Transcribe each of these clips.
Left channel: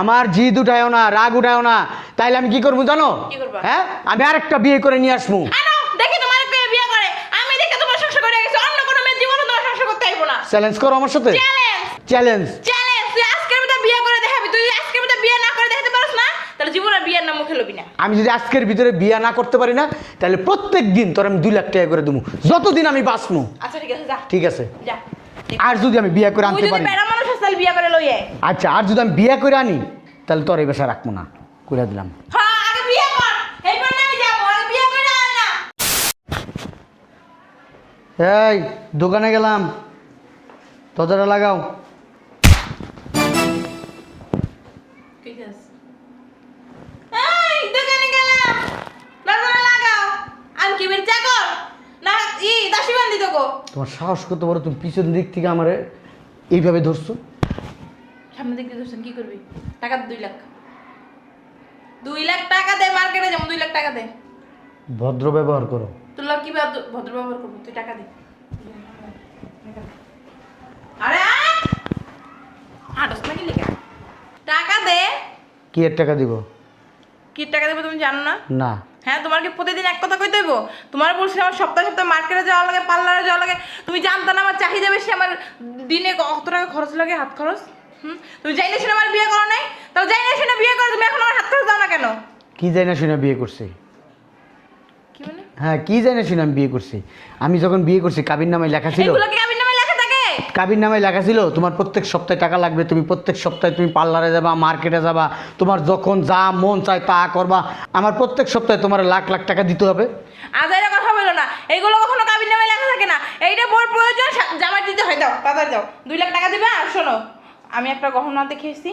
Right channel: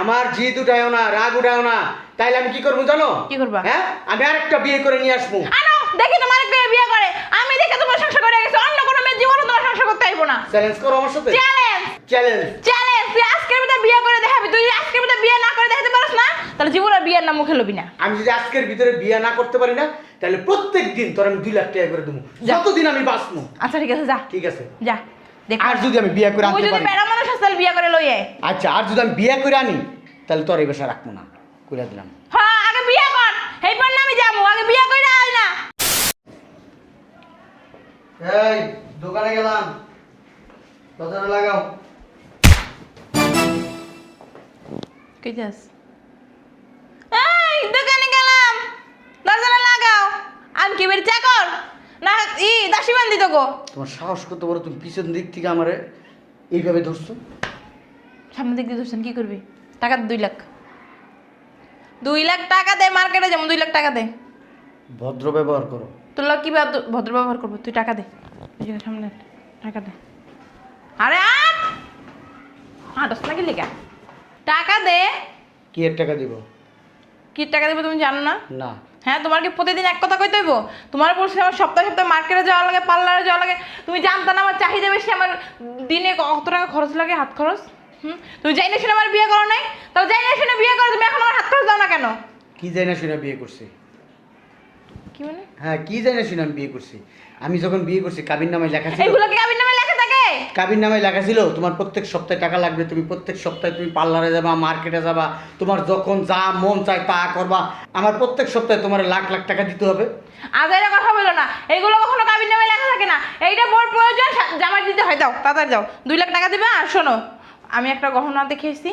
আমার জিদ উঠায়ও না, রাগ উঠায়ও না। তাইলে আমি কি করবো জানো? কি করবা? হ্যাঁ, আমি আরেকটা বিয়ে করে নিয়ে আসবো। আনো দেখি তোমার কে বিয়ে করে। আমি দেখে তোমার সংসার করে গেছে, অন্য কোনো মেয়ে জীবনে তোমার সংসার করতে আইবো না। চ্যালেঞ্জ করো আমার সাথে। Challenge challenge. চ্যালেঞ্জ, তুই আজকের ভিতরে বিয়ে করে দেখাবি। তুই আজকের ভিতরে বিয়ে না করে দেখাতে পারিস না, তাহলে জীবনে বিয়ের নাম মুখে লবি না। আমি যদি আজকের ভিতরে বিয়ে না করতে পারি না, তাহলে প্রত্যেক দিন তোর আমি 2 লাখ টাকা করে দেবো, যতদিন আমি বাঁচবো। আচ্ছা ঠিক আছে, যা ঠিক আছে। যা। দেখ, আর যদি আমি বিয়ে করে তুই আনতে যদি পারি, বেড়া মানুষ হস তাহলে বিয়ে করে লইয়ে। আচ্ছা, আর যদি আমি বিয়ে করে আনি, তাহলে তোর এই বাসা রাখবো না, করে দিলাম। হ্যাঁ, আগে বিয়ে কর, এইবার না আমি যাবো। আগে বিয়ে করে আয় না। এই দোকানে গেলাম, দরজাটা লাগাও। কই যাস? এই দোকানে গেলাম, দরজাটা লাগাও। আমি কি বের চাকর না দাসী বান্দি তোকে? তোমার সাহস কত বড়, তুমি পিছন দিক থেকে আমারে এইভাবে ধরছো। সামনের দিক দিয়ে ধরছেন, কি করবি? টাকা 2 লাখ। 2 লাখ টাকা দে, মার্কেটে যেমন 2 লাখ টাকা দে। ভদ্র ব্যবহার করো। তোর লোক কি ভদ্র ব্যবহার করবো? তুই টাকা দে, সামনে টাকা দে। আরে হাঁটস না কি লেগা? টাকা দে। কি এর টাকা দিব? কি টাকা দেবো তুমি জানো না? না। হ্যাঁ, তোমার কি প্রতিদিন এক কথা কইতে হইব? তোমার বলছো আমার সপ্তাহে সপ্তাহে মার্কেটে যাওয়া লাগে, পার্লারে যাওয়া লাগে। তুমি জানতো না আমার চাহিদা বেশি, আমার দিনে কত টাকা খরচ লাগে, হাত খরচ? তুমি যাই না শুনে আমার বিয়ে করো নাই, তাহলে যাই না শুনে বিয়ে করো, তুমি এখন আমার হাত খরচ দাও না কেন? কি জানি না শুনে বিয়ে করছি। কি মানে? হ্যাঁ, কি জানি না শুনে আমি বিয়ে করছি। আমি যখন বিয়ে করছি কাবির নামায় লেখা ছিল, এগুলো কি কাবির নামে লেখা থাকে? কাবির নামায় লেখা ছিল তোমার প্রত্যেক সপ্তাহে টাকা লাগবে, তুমি প্রত্যেক সপ্তাহে তুমি পার্লারে যাবা, মার্কেটে যাবা, তোমার যখন যা মন চায় তা করবা। আমার প্রত্যেক সপ্তাহে তোমার লাখ লাখ টাকা দিতে হবে। আজাইরা কথা বলো না, এগুলো কখনো কাবির নামে লেখা থাকে না। এইটা বড় প্রয়োজন, জামাই দিতে হয়, দাও তাড়াতাড়ি দাও। 2 লাখ টাকা দিবা। আর শোনো, আমি একটা গহনা দেখেছি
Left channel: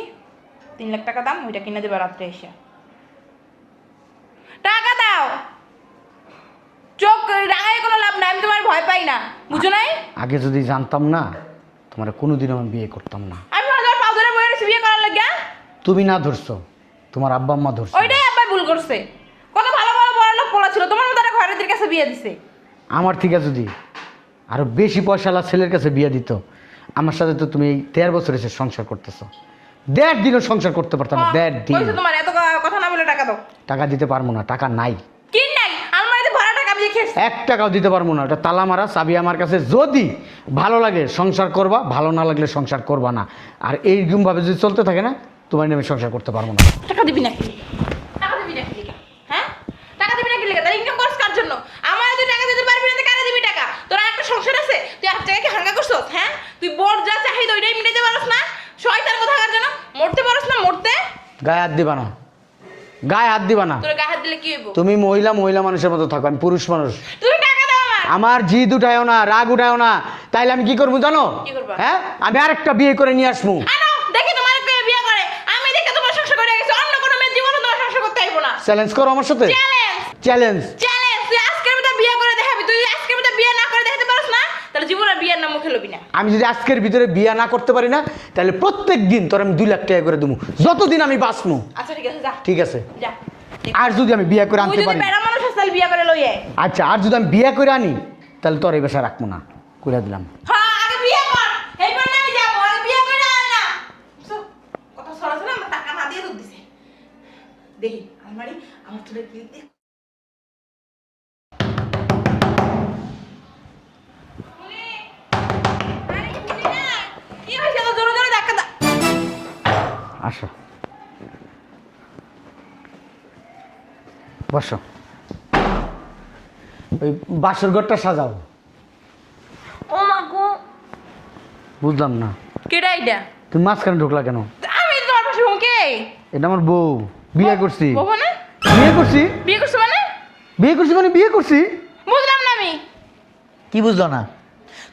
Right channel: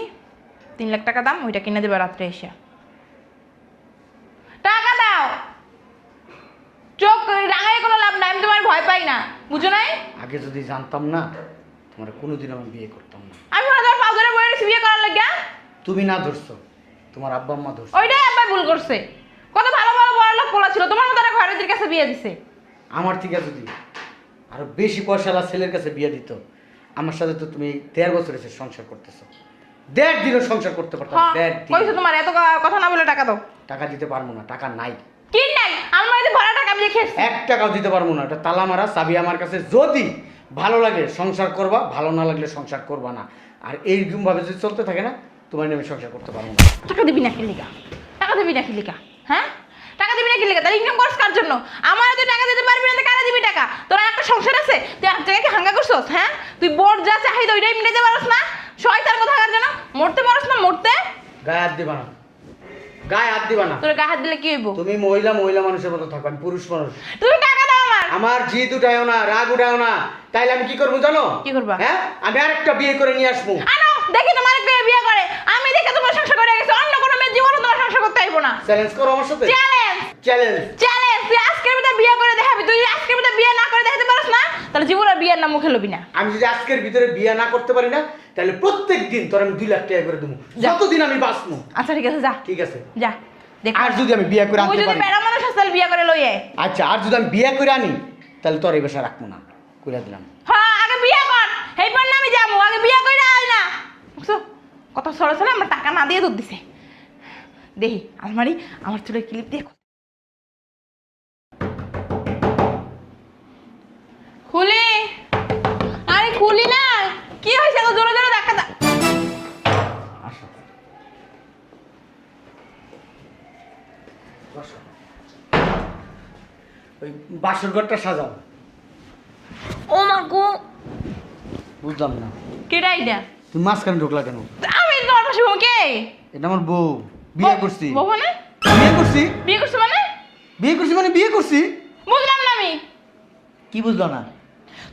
3 লাখ টাকা দাম, ওইটা কিনে দেবে রাত্রে এসে। টাকা দাও। চোখ রাগায় কোনো লাভ না, আমি তোমার ভয় পাই না, বুঝো নাই? আগে যদি জানতাম না, তোমার কোনোদিন আমি বিয়ে করতাম না। আমি ওদের পাগলের বয়ে রেখে বিয়ে করার লাগে। তুমি না ধরছো, তোমার আব্বা আম্মা ধরছো। ওইটাই আব্বা ভুল করছে। কত ভালো ভালো বড় লোক পোলা ছিল, তোমার মতো একটা ঘরের কাছে বিয়ে দিছে। আমার থেকে যদি আরো বেশি পয়সাওয়ালা ছেলের কাছে বিয়ে দিত, আমার সাথে তো তুমি 13 বছর এসে সংসার করতেছো, 1.5 দিনও সংসার করতে পারতাম না। 1.5 দিন। কইছো তোমার এত কথা না বলে টাকা দাও। টাকা দিতে পারবো না, টাকা নাই। কি নাই? আলমারিতে ভরা টাকা আমি দেখেছি। 1 টাকাও দিতে পারবো না, ওটা তালা মারা চাবি আমার কাছে। যদি ভালো লাগে সংসার করবা, ভালো না লাগলে সংসার করবা না। আর এইরকম ভাবে যদি চলতে থাকে না, তোমার নামে সংসার করতে পারবো না। টাকা দিবি না কিলিকা? টাকা দিবি না কিলিকা? হ্যাঁ, টাকা দিবি না কিলিকা? তাহলে ইনকাম করছ কার জন্য? আমার যদি টাকা দিতে পারবি না, কারে দিবি টাকা? তোর একটা সংসার আছে, তুই এক জায়গায় হাঙ্গা করছস? হ্যাঁ, তুই বড় যা চাহিদা ওইটাই মিটাতে পারছ না। শয়তান কথা কার জন্য? মরতে পারছ না? মরতে গায়ে হাত দিবা না, গায়ে হাত দিবা না। তোর গায়ে হাত দিলে কি হইব? তুমি মহিলা মহিলা মানুষের মতো থাকো, আমি পুরুষ মানুষ। তুমি টাকা দাও আমার। আমার জিদ উঠায়ও না, রাগ উঠায়ও না। তাইলে আমি কি করবো জানো? কি করবা? হ্যাঁ, আমি আরেকটা বিয়ে করে নিয়ে আসবো। আনো দেখি তোমার কে বিয়ে করে। আমি দেখে তোমার সংসার করে গেছে, অন্য কোনো মেয়ে জীবনে তোমার সংসার করতে আইবো না। চ্যালেঞ্জ করো আমার সাথে। Challenge challenge. চ্যালেঞ্জ, তুই আজকের ভিতরে বিয়ে করে দেখাবি। তুই আজকের ভিতরে বিয়ে না করে দেখাতে পারিস না, তাহলে জীবনে বিয়ের নাম মুখে লবি না। আমি যদি আজকের ভিতরে বিয়ে না করতে পারি না, তাহলে প্রত্যেক দিন তোর আমি 2 লাখ টাকা করে দেবো, যতদিন আমি বাঁচবো। আচ্ছা ঠিক আছে, যা ঠিক আছে। যা। দেখ, আর যদি আমি বিয়ে করে তুই আনতে যদি পারি, বেড়া মানুষ হস তাহলে বিয়ে করে লইয়ে। আচ্ছা, আর যদি আমি বিয়ে করে আনি, তাহলে তোর এই বাসা রাখবো না, করে দিলাম। হ্যাঁ, আগে বিয়ে কর, এইবার না আমি যাবো। আগে বিয়ে করে আয় না। বুঝছো? কত সরে সরে আমার টাকা না দিয়ে দুধ দিছে। দেখি আলমারি, আমার চুলের ক্লিপ দেখো। খুলি। আরে খুলি না। কি হয়েছে? তো জোরে জোরে ধাক্কা দা। আসো, বসো। ওই বাসর ঘরটা সাজাও। ও মা গো, বুঝলাম না, কেডা এইটা? তুমি মাঝখানে ঢুকলা কেন? আমি তোর পাশে কে? এটা আমার বউ, বিয়ে করছি। বউ মানে? বিয়ে করছি। বিয়ে করছো মানে? বিয়ে করছি মানে বিয়ে করছি। বুঝলাম না আমি। কি বুঝলো না?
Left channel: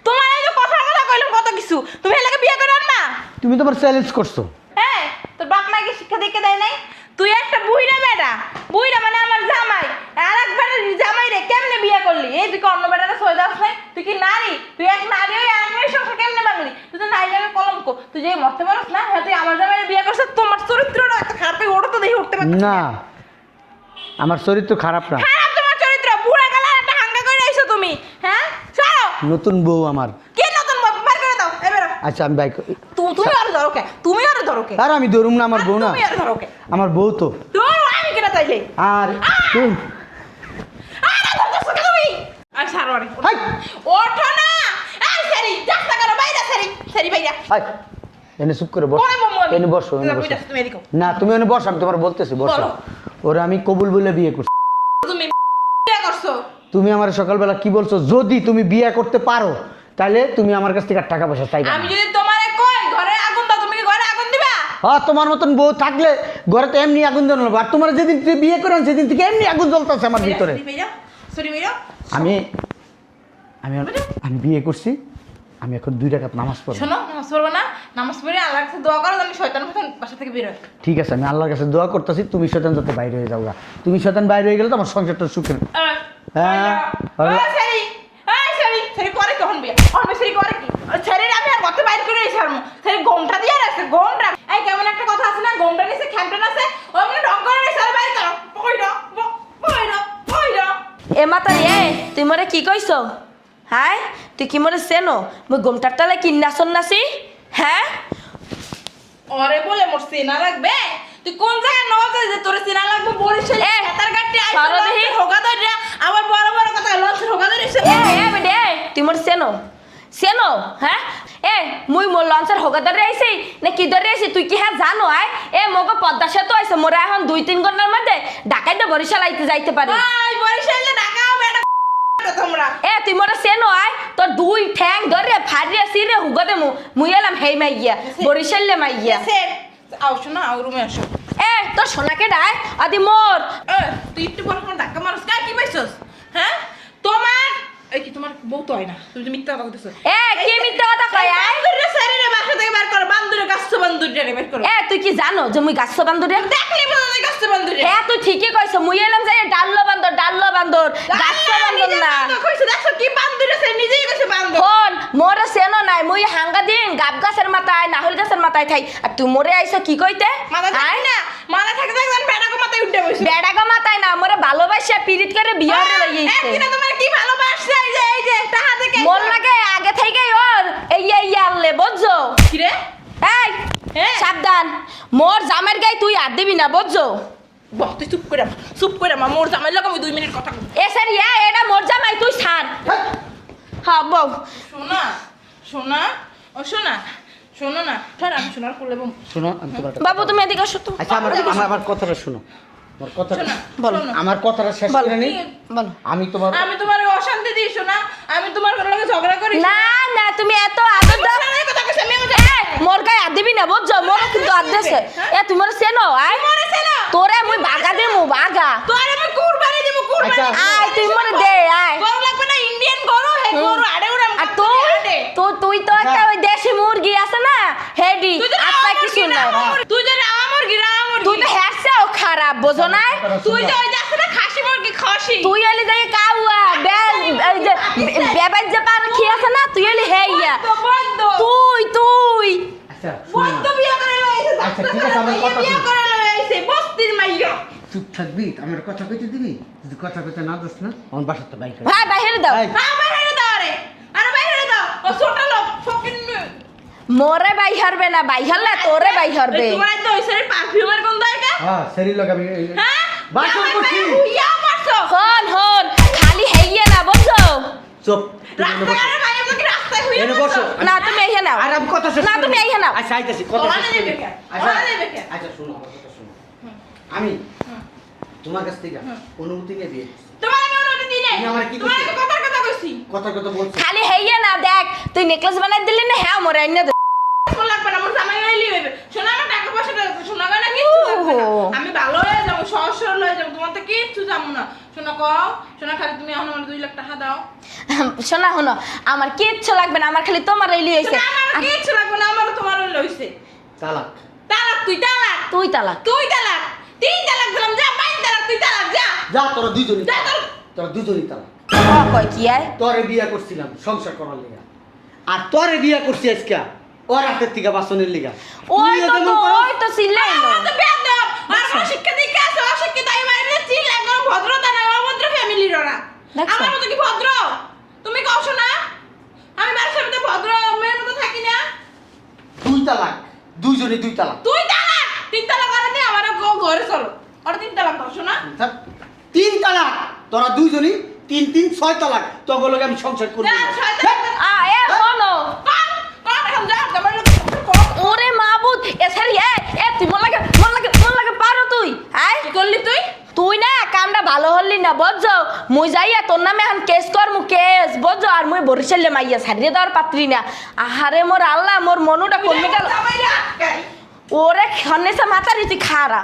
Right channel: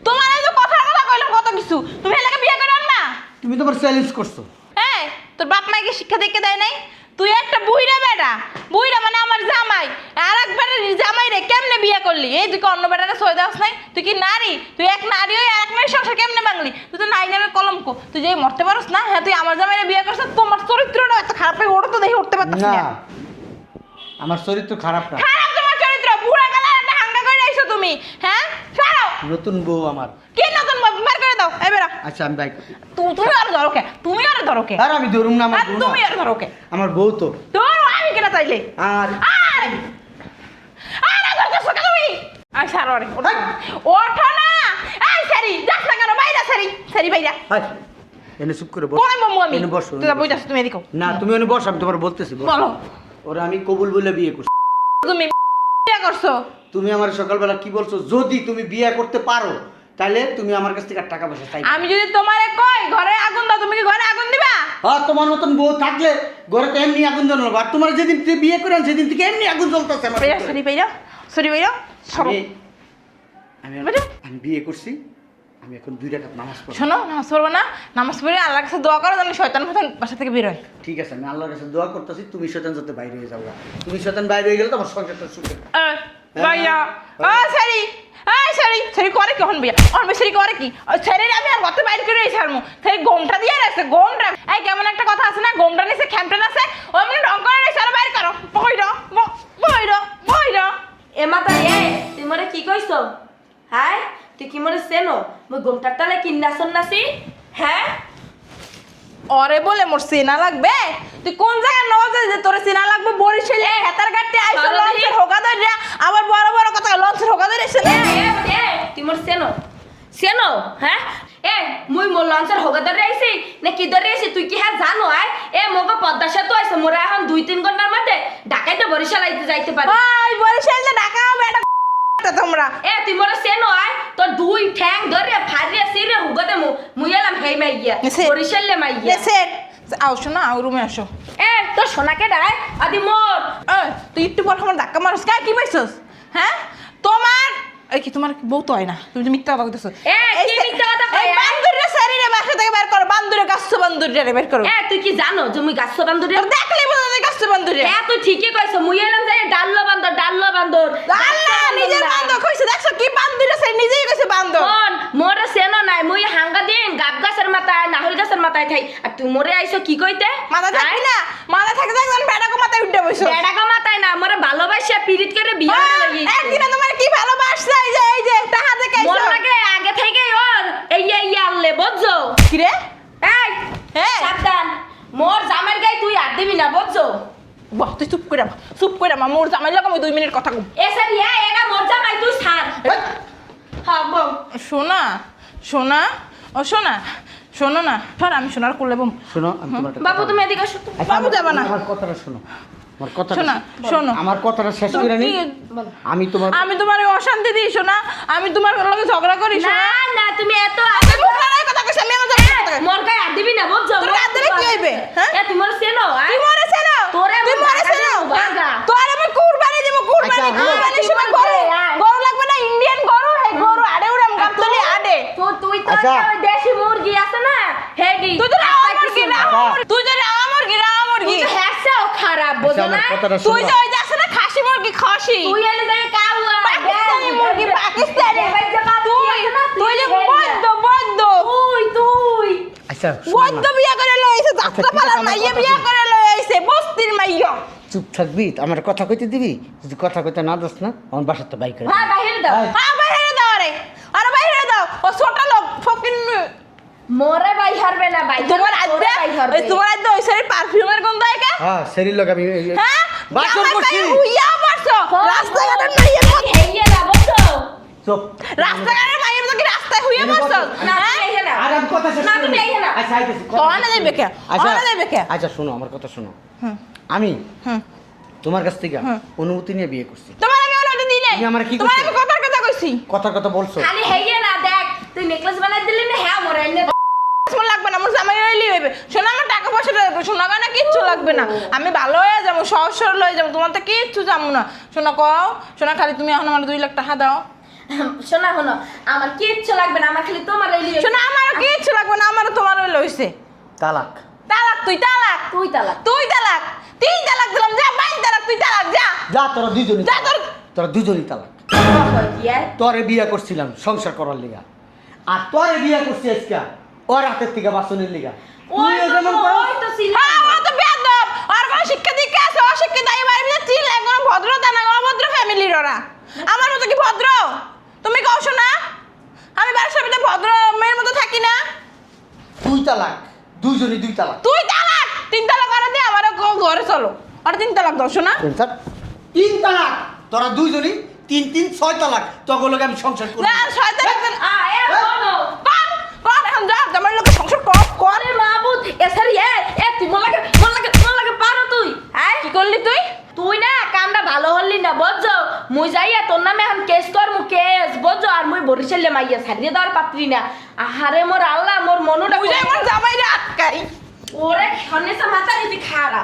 তোমার এই যে কথা কথা কইলাম কত কিছু, তুমি এলাকা বিয়ে করে আনবা? তুমি তোমার চ্যালেঞ্জ করছো। হ্যাঁ, তোর বাপ মাকে শিক্ষা দেখে দেয় নাই? তুই একটা বুইড়া বেটা, বুইড়া মানে আমার জামাই, আর একবার জামাই রে কেমনে বিয়ে করলি? এই তুই কি অন্য বেটারে সই দাস নাই? তুই কি নারী? তুই এক নারী হয়ে এক মেয়ের সংসার কেমনে ভাঙলি? তুই তো নারী নামে কলঙ্ক। তুই যে মরতে পারস না? হ্যাঁ, তুই আমার জামাইরে বিয়ে করছিস, তোমার চরিত্রটা এত খারাপ হয়ে ওটা তো দেখে উঠতে পারছিস না, না। আমার চরিত্র খারাপ না। খারাপ তোমার চরিত্র, বুড়া গেলা একটা হাঙ্গা করে আইছো তুমি। হ্যাঁ, ছাড়ো। নতুন বউ আমার। কি নতুন বাপ? বের করে দাও, এই বেরো। আচ্ছা আমি বাইক তুমি আর ধরো কে? তুমি আর ধরো কে? আর আমি ধরুম না, আমার বউ না, তুমি আর ধরো কে? আমার বউ তো। ধরো আমি কেন তাইলে? আর তুই আরে ধরতেছ কে তুমি? আই সারোরে ওঠো না। আই সারি যাস না কেন বাইরে সারি সারি বাইরা আয়, এনে চুপ করে বস। পরে মামু আমি এনে বসো, তুই এনে বসো। বইতাছ তুমি এদিকে না তুমি এনে বস, আমি তোমার বলতেছি বস। বলো। ওরে আমি কবুল বলে বিয়ে করছি। তুমি বিয়ে করছো তুমি আমার সকালবেলা কি বলছো, যদি তুমি বিয়ে করতে পারো তাহলে তুমি আমার কাছ থেকে আর টাকা পয়সা চাইবে আমি যদি তোমারে কই ঘরে আগুন দাও তুমি কি ঘরে আগুন দিবা হ্যাঁ, তোমার মতন বউ থাকলে ঘরে তো এমনি আগুন জ্বলবে। আর তোমার যেদিন থেকে বিয়ে করে সেদিন থেকে এমনি আগুন জ্বলতেছে আমার ভিতরে। সরি ভাইয়া আমি আমি আমি বিয়ে করছি, আমি এখন 2 রাকাত নামাজ পড়ব। শোনো নামাজ পড়বো না, নামাজ পড়ে আল্লাহর কাছে দোয়া করো যেন শয়তান ফাতান বাসা থেকে বের হয়। ঠিক আছে, আমি আল্লাহর কাছে দোয়া করতেছি তুমি শয়তান যাতে বাইরে হয়ে যাও। তুমি শয়তান বাইরে হয়ে গেলে তো আমার সংসারটা সুখের। ভাইয়া সরি সরি সরি করে কখন বিয়া আমি সরি করে কি সরি আমি আর কত বাইরে করে এসেছি সরি গোমটা দিয়ে রাখছে গোমটা এই কেমন একটা কথা আছে না গোমটা নিছে খ্যাপটা আছে ওমনি ঢং করে এসে বাইরে করো বইরো বইরো বইরো এ মাতা এ তুই মরে কি কইছ? হ্যাঁ তুই কি মরে চেনো মই ঘুমটার তালে কিন্না সন্নাসি? হ্যাঁ ওরে বলে মোর সিনা লাগবে তুই কোন জায়গায় নজে যে তোর সিনা লাগবে বরিশালে হাতার কাটতে আইছো লঞ্চের হোগা ধরিয়া আমার বড় বড় কথা লঞ্চের হোগা ধরে এসে তুই মোর চেনো চেনো? হ্যাঁ এ মুই মোর লঞ্চের হোগা ধরে আইছি না কি ধরে আইছি তুই কি হ্যাঁ জানো? আয় এ মোকে পদ্মা সেতু আইছে মোরে এখন 2-3 ঘন্টার মধ্যে ঢাকাইতে বরিশাল আইতে যাইতে পারি। আই বরিশালে ঢাকা আমরা তোমরা এ তুই মোরে চেনো? আয় তোর 2 ঠ্যাং ধরে ফাড়িয়া সিরে হুগা দে মুই এলাম হেই মাইয়া বরিশালে মাইয়া। সেট আও শোনা আও রুমে আসো এ তোর সোনাকে ডায় আদি মোর তুই একটু পর আমার ধাক্কা মারছ কা কি পাইছস হ্যাঁ তোমার এই কি তোমার বউ তো হয় না তুমি মিথ্যা কথা কইতেছ এ কি মিথ্যা কথা কয়? বান্দুরে শরীরে বাসা থেকে বের করো বান্দুরে গাছ বান্দুরে বের করো এ তুই কি জানো যে মুই গাছ বান্দরে? দেখলে মনে হয় গাছ বান্দুরে হ্যাঁ তুই ঠিকই কইছ মুই এলাম যে ডাল্লো বান্দর গাছ বান্দর না কইছে দেখছ কি বান্দুরে সে নিজেই কইছে বান্দর কোন মোরে সেনো নাই মুই হাঙ্গা দিন গাব গাছের মাথায় নাহল গাছের মাথায় থাই আর তুই মোরে আইছো কি কইতে? মাথা থাকে না মাথা থাকে দেখবেন বেড়াকো মাথায় উঠে বসে বেড়াগো মাথায় না মোরে ভালোবাসা পীড়িত করে বিয়ে করে লাগিয়েছে। একদিন তোমার কি ভালোবাসা এই যে টাকা থেকে মোর লাগে আগে থেকে ওর এই আনলে বুঝছো? কি রে এই হ্যাঁ। সাবধান মোর জামের গায়ে তুই আর দিবি না বুঝছো? বাহ তুই চুপ করে মা মোর জামাই লাগা আমি 2 মিনিট কথা কম এ সারি এটা মোর জামাই তুই ছাড়। হ্যাঁ বল সোনা সোনা ও সোনা শোনো না ধর আমি সোনার কোলে বম শোনো, আমি তোমার কথা বাবু বলবো। তুমি এদিকে আসো তো। আচ্ছা বাবু যাবে না। আমার কথাটা শোনো, আমার কথাটা শোনো, শোনো। আমার কথাটা শেষ করে নি। বল। আমি তোমার আমি তোমার অশান্তি দিই সোনা আমি তোমার লগে ঝগড়া করি না না তুমি এত আমি সোনার কথা কইছি আমি মোর গায়ে আর দিবি না বুঝছো? তোর হাতে কি হইবে? হ্যাঁ? এ তুই মোর চেনো? আয় মরে ছেলে তোরে আমি বাগা দেবো বাগা। তোর আমি কুরবানি দেব কুরবানি আচ্ছা, হলো। তুই মোর দে আয়। গরু লাগবে না ইন্ডিয়ান গরু হে গরু আড়ে উড়াম গাবতলি আড়ে তুই তো আচ্ছা। একটা ওই দেশি মুরগি আছে না হেডি তুই তো আমার কি না না। তুই তো আমার কি না আমার তুই কি তো হ্যাসাও খারাপ বুঝো না? আমার কথাটা তুই শোনো। যে ওই যে আছে না খাসি মুরগি খাসি তুই এলে যে কাউয়া পাকিস্তানি মুরগি, পাকিস্তানি। বেবাই যে পান খেয়েছে না তুই এলে হেইয়া বন্ধ তুই আচ্ছা বন্ধ বিয়া করে লইছে আচ্ছা, যাত্রা ঠিক আছে, পালা আমার মাইয়া কথা বিয়া শোনো। করে লইছে বস্তির মাইয়া চুপ থাকবি, আমার কথা কইতে দিবি? যদি কথা কইতে না দাস না আমার বাসার তো বাইক করে হ্যাঁ বাইরে দাও এই। হ্যাঁ বাইরে দাও রে আরে বাইরে দাও ও ছোট লোক ফকিন মোরে বাই হারবে না বাই হারবে তোরে বাই হারবে তোমার তো ওই সাইড পারফিউমের গন্ধ আইকা হ্যাঁ সেরির লোক আমি হ্যাঁ বাসন করছি। ইয়া মারছো খালি হেইয়া না বুঝছো? চুপ রাস্তায় মাইয়া তো কি রাস্তায় হুইয়া এনে মারছো বসো। না তুমি এইখানে নাও। আর আমি কথা শেষ না করিনি। তুমি এইখানে নাও। আচ্ছা আইতেছি কথা অনে শেষ দেবে করিনি। কে? আচ্ছা অনে দেবে কে? আচ্ছা শোনো আমার কথা শোনো। হুম আমি হুম তোমার কাছ থেকে হ্যাঁ। অনুমতি নিয়ে বিয়ে করছি। তোমার আমি অনুমতি দিই নাই তুমি আমার কি তোমার কইছো? আমি কথা কইছি কথা বলছো। খালি হেইয়া না দেখ তুই নেকলেস বানাই দিলি না হ্যাঁ মোরে এনে দে তোমার লাগবে না আমার জামাই হইলি হইবে শোনা আমার টাকা পয়সা লাগবে শোনা গো না কিচ্ছু লাগবে না ও। আমি ভালো হয়ে যাবো সহজ সরল হয়ে যাবো তোমার তো কিচ্ছু যাবো না শোনা কও শোনা খালি তুমি এখন আমার 2 লাখ টাকা দাও শোনা শোনো আমার কিচ্ছু লাগবে না আমার খালি তোমার এলি শোনা আমার কিচ্ছু লাগবে না আমার তোমার হইলে হইছে তালাক। তালাক তুই তালাক তুই তালাক তুই তালাক 3 তালাক দিলাম যা 5 তালাক তুই তালাক যা যা তোরা দুইজনই যা তালাক। তোরা দুইজনই তালাক। কই কি আয় তোরে বিয়ে করছিলাম সংসার করার লিগা, আর তোরে বিয়ে করছি আজকে ওর হাতের থেকে বাসনের লিগা। ওই তুইও তো যেমন করস, ওই তো সিলাই আমার তো বেয়াদব আর আমার শিক্ষা দীক্ষা আছে অশিক্ষিত এই বাড়িতে চিল একদম ভদ্রতা না অভদ্র ফ্যামিলির ওরা দেখছো? আমার মতো কি ভদ্র তুমি কও শোনা আমি বাসার ভিতরে ভদ্র মেয়ের মতো থাকি না দুইজনই 2 তালাক। তুই তালাক 3 তালাক করে দে আমার ঘরে চলো আর 3 তালাক দাও শোনা 3 তালাক তোরা দুইজনই 3 3 6 তালাক তোকে লগে আমি সংসার করব না শয়তান এ শোনো কোন এখন যা তোমার লোক সংসার কর ওরে মাবুদ এসারি তুই মলাকে পারো তুই হ্যাঁ কি করলি তুই তুই না কামটা ভালো হলি না বুঝছো মুই যাইয়া তোর নামে এখন কেস করমু কেস বুঝছো আর মুই বরিশালে মাইয়া ছাড়িয়ে দেওয়ার পাত্রী না আহারে মোর আল্লাহ মোর মনটা বুঝে আমার জামাই রে আটকাই ওরে খনেসা মাথা রীতি খারা